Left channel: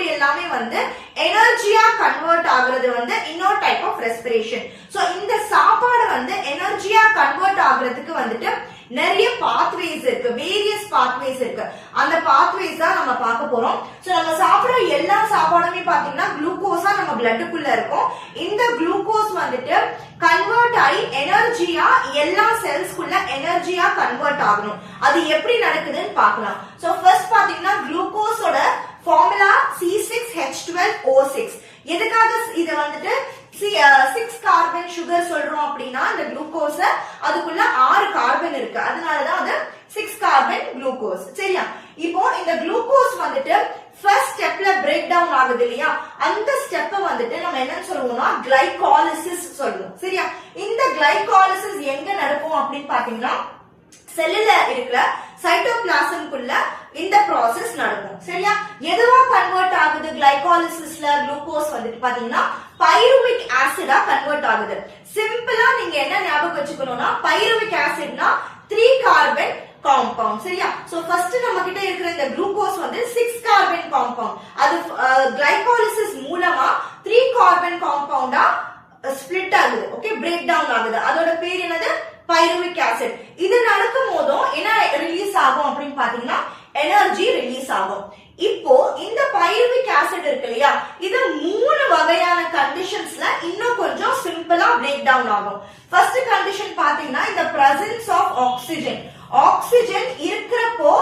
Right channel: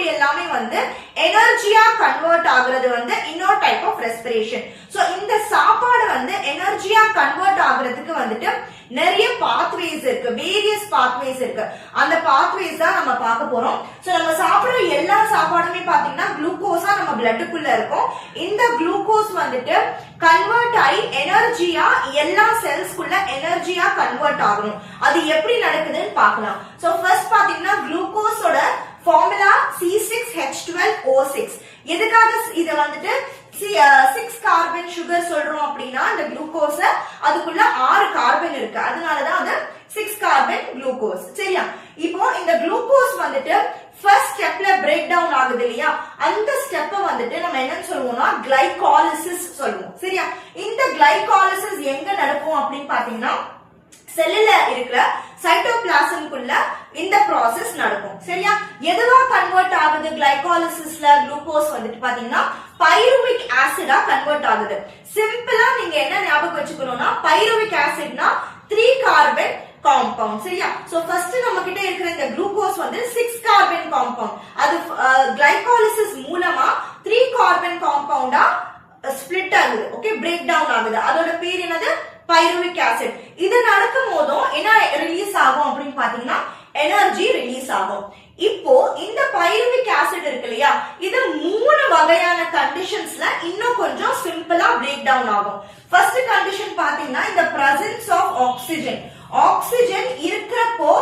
Food எல்லாமே வந்து எனர்ஜியா கன்வெர்ட் ஆகுறது வந்து இன்னொரு டைப் ஆஃப் ரெஸ்பிரேஷன். சோ இந்த சாப்பாடு வந்து எனர்ஜியா கன்வெர்ட் ஆகுறதுக்கு வந்துட்டு நிறைய பாத்வேஸ் இருக்கு, வேரியஸ் பாத்வேஸ் இருக்கு. அந்த பாத்வேஸ் தான் நம்ம பார்க்க போறோம். சோ நம்ம சாப்பிடுற எல்லா சாப்பாடுமே பாத்தீங்கன்னா குளுக்கோஸா நம்ம பிளட்டுக்குள்ள இருக்கும். இந்த குளுக்கோஸ் வந்துட்டு கன்வெர்ட் ஆகி எனர்ஜியா எல்லா செல்ஸ்க்குள்ள எனர்ஜியா கன்வெர்ட் ஆகணும். அது எப்படி நடக்குதுன்னு பார்க்கலாம். சோ ஃபர்ஸ்ட் பாத்தீங்கன்னா குளுக்கோஸோட ஃபார்முலா C6H12O6. எதுக்காக இத வந்துட்டு 6 கார்பன் சுகர் சொல்றோம் அப்படின்னா இந்த குளுக்கோஸ அதுக்குள்ள 6 கார்பன் இருக்கு, அதனாலதான் அது 6 கார்பன் குளுக்கோஸ். சரியா? இப்போ இந்த குளுக்கோஸ் வந்துட்டு ஃபர்ஸ்ட் ஸ்டெப்ல பிரேக் டவுன் ஆகுது இல்லையா, அந்த ஸ்டெப்ப வந்துட்டு நம்ம என்ன சொல்லுவோம்னா கிளைகாலிசிஸ் சொல்லுவோம். சரியா? இந்த கிளைகாலிசிஸ் எங்க நடக்கும் அப்படின்னு பாத்தீங்கன்னா செல்லுல இருக்கிற சைட்டோபிளாசம்குள்ள இந்த ப்ராசஸ் நடக்கும். சரியா? எதுவா கன்வெர்ட் ஆகுது கிளைகாலிசிஸ்ல குளுக்கோஸ் வந்துட்டு பாத்தீங்கன்னா பைருவிக் ஆசிடா கன்வெர்ட் ஆகுது. சிம்பிளா நீங்க என்ன ஞாபகம் வச்சுக்கணும்னா பைருவிக் ஆசிட்னா 3 கார்பன் காம்பவுண்ட். சரியா? சோ ஃபர்ஸ்ட் நம்ம கிட்ட இருக்கிற இந்த குளுக்கோஸ் வந்து 6 கார்பன் காம்பவுண்ட், அது கிளைகாலிசிஸ் மூலமா 3 கார்பன் காம்பவுண்டா ஸ்பிளிட் ஆகுது. ஓகே, பிரேக் டவுன் ஆகுது. அதோட பேர் என்னது? Pyruvic acid. இது நடக்கும் போதும் என்ன ரிலீஸ் ஆகும் அப்படின்னு பாத்தீங்கன்னா எனர்ஜி ரிலீஸ் ஆகும். இப்போ இந்த பைருவிக் ஆசிட் இருக்கு இல்லையா, இது 3 வகையான கண்டிஷன்ஸ்ல இன்னும் கொஞ்சம் சிம்பிளா பிரேக் டவுன் ஆகும். ஃபர்ஸ்ட் கண்டிஷன் பாத்தீங்கன்னா இந்த பிரசன்ஸ் ஆஃப் ஆக்சிஜன். ஆக்சிஜன் இருக்கிறப்போ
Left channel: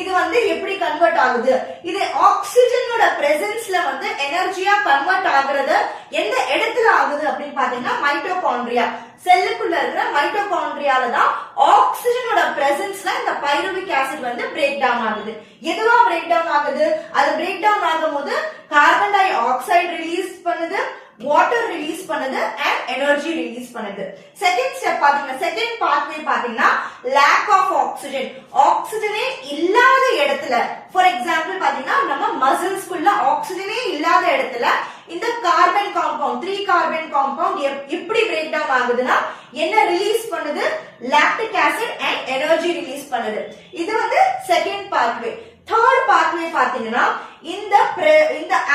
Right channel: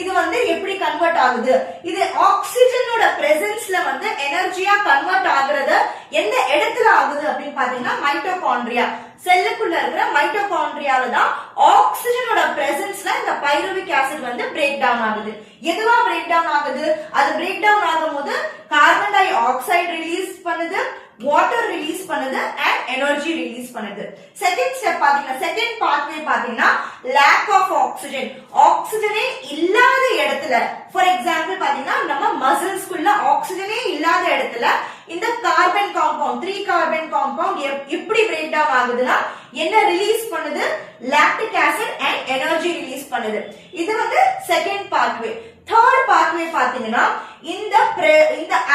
இது வந்து எப்படி கன்வெர்ட் ஆகுது? இது ஆக்சிஜனோட பிரசன்ஸ்ல வந்து எனர்ஜியா கன்வெர்ட் ஆகுறது எந்த இடத்துல ஆகுது அப்படின்னு பாத்தீங்கன்னா மைட்டோகாண்ட்ரியா. செல்லுக்குள்ள இருக்கிற மைட்டோகாண்ட்ரியால தான் ஆக்சிஜனோட பிரசன்ஸ்ல இந்த பைருவிக் ஆசிட் வந்து பிரேக் டவுன் ஆகுது. எதுவா பிரேக் டவுன் ஆகுது? அது பிரேக் டவுன் ஆகும்போது கார்பன் டை ஆக்சைடு ரிலீஸ் பண்ணுது, வாட்டர் ரிலீஸ் பண்ணுது அண்ட் எனர்ஜி ரிலீஸ் பண்ணுது. செகண்ட் ஸ்டெப் பாத்தீங்கன்னா செகண்ட் பாத்வே பாத்தீங்கன்னா லேக் ஆஃப் ஆக்சிஜன். ஆக்சிஜனே இல்லாத இடத்துல, ஃபார் எக்ஸாம்பிள் பாத்தீங்கன்னா நம்ம மசில்ஸ்க்குள்ள ஆக்சிஜனே இல்லாத இடத்துல இந்த கார்பன் காம்பவுண்ட் 3 கார்பன் காம்பவுண்ட் எப்படி பிரேக் டவுன் ஆகுதுன்னா என்ன ரிலீஸ் பண்ணுது? Lactic acid and energy release பண்ணுது. இது வந்து செகண்ட் பாத்வே. தேர்ட் பாத்வே பாத்தீங்கன்னா இந்த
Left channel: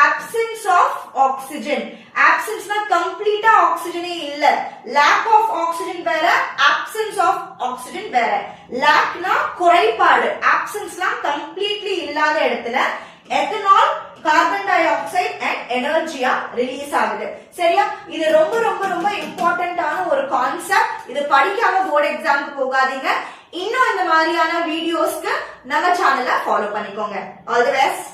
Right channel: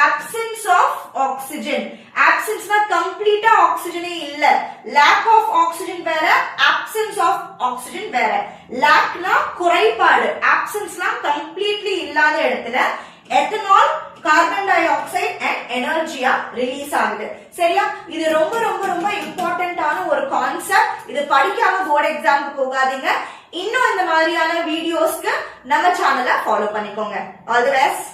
absence of oxygen. absenceனா கம்ப்ளீட்டா ஆக்சிஜனே இல்ல. lack of oxygen வேற, absence of oxygen வேற. lackனா குறைபாடு, absenceனா கம்ப்ளீட்லி இல்லாத இடத்துல ethanol, carbon dioxide and எனர்ஜியா ரிலீஸ் ஆகுது. சரியா? இது ரொம்ப ரொம்ப ரொம்ப இம்பார்ட்டன்டான ஒரு கான்செப்ட். இது படிக்காம போர்டு எக்ஸாமுக்கு போகாதீங்க. இன்னும் இந்த மாதிரியான வீடியோஸ்க்கு நம்ம சேனலை ஃபாலோ பண்ணிக்கோங்க. All the best.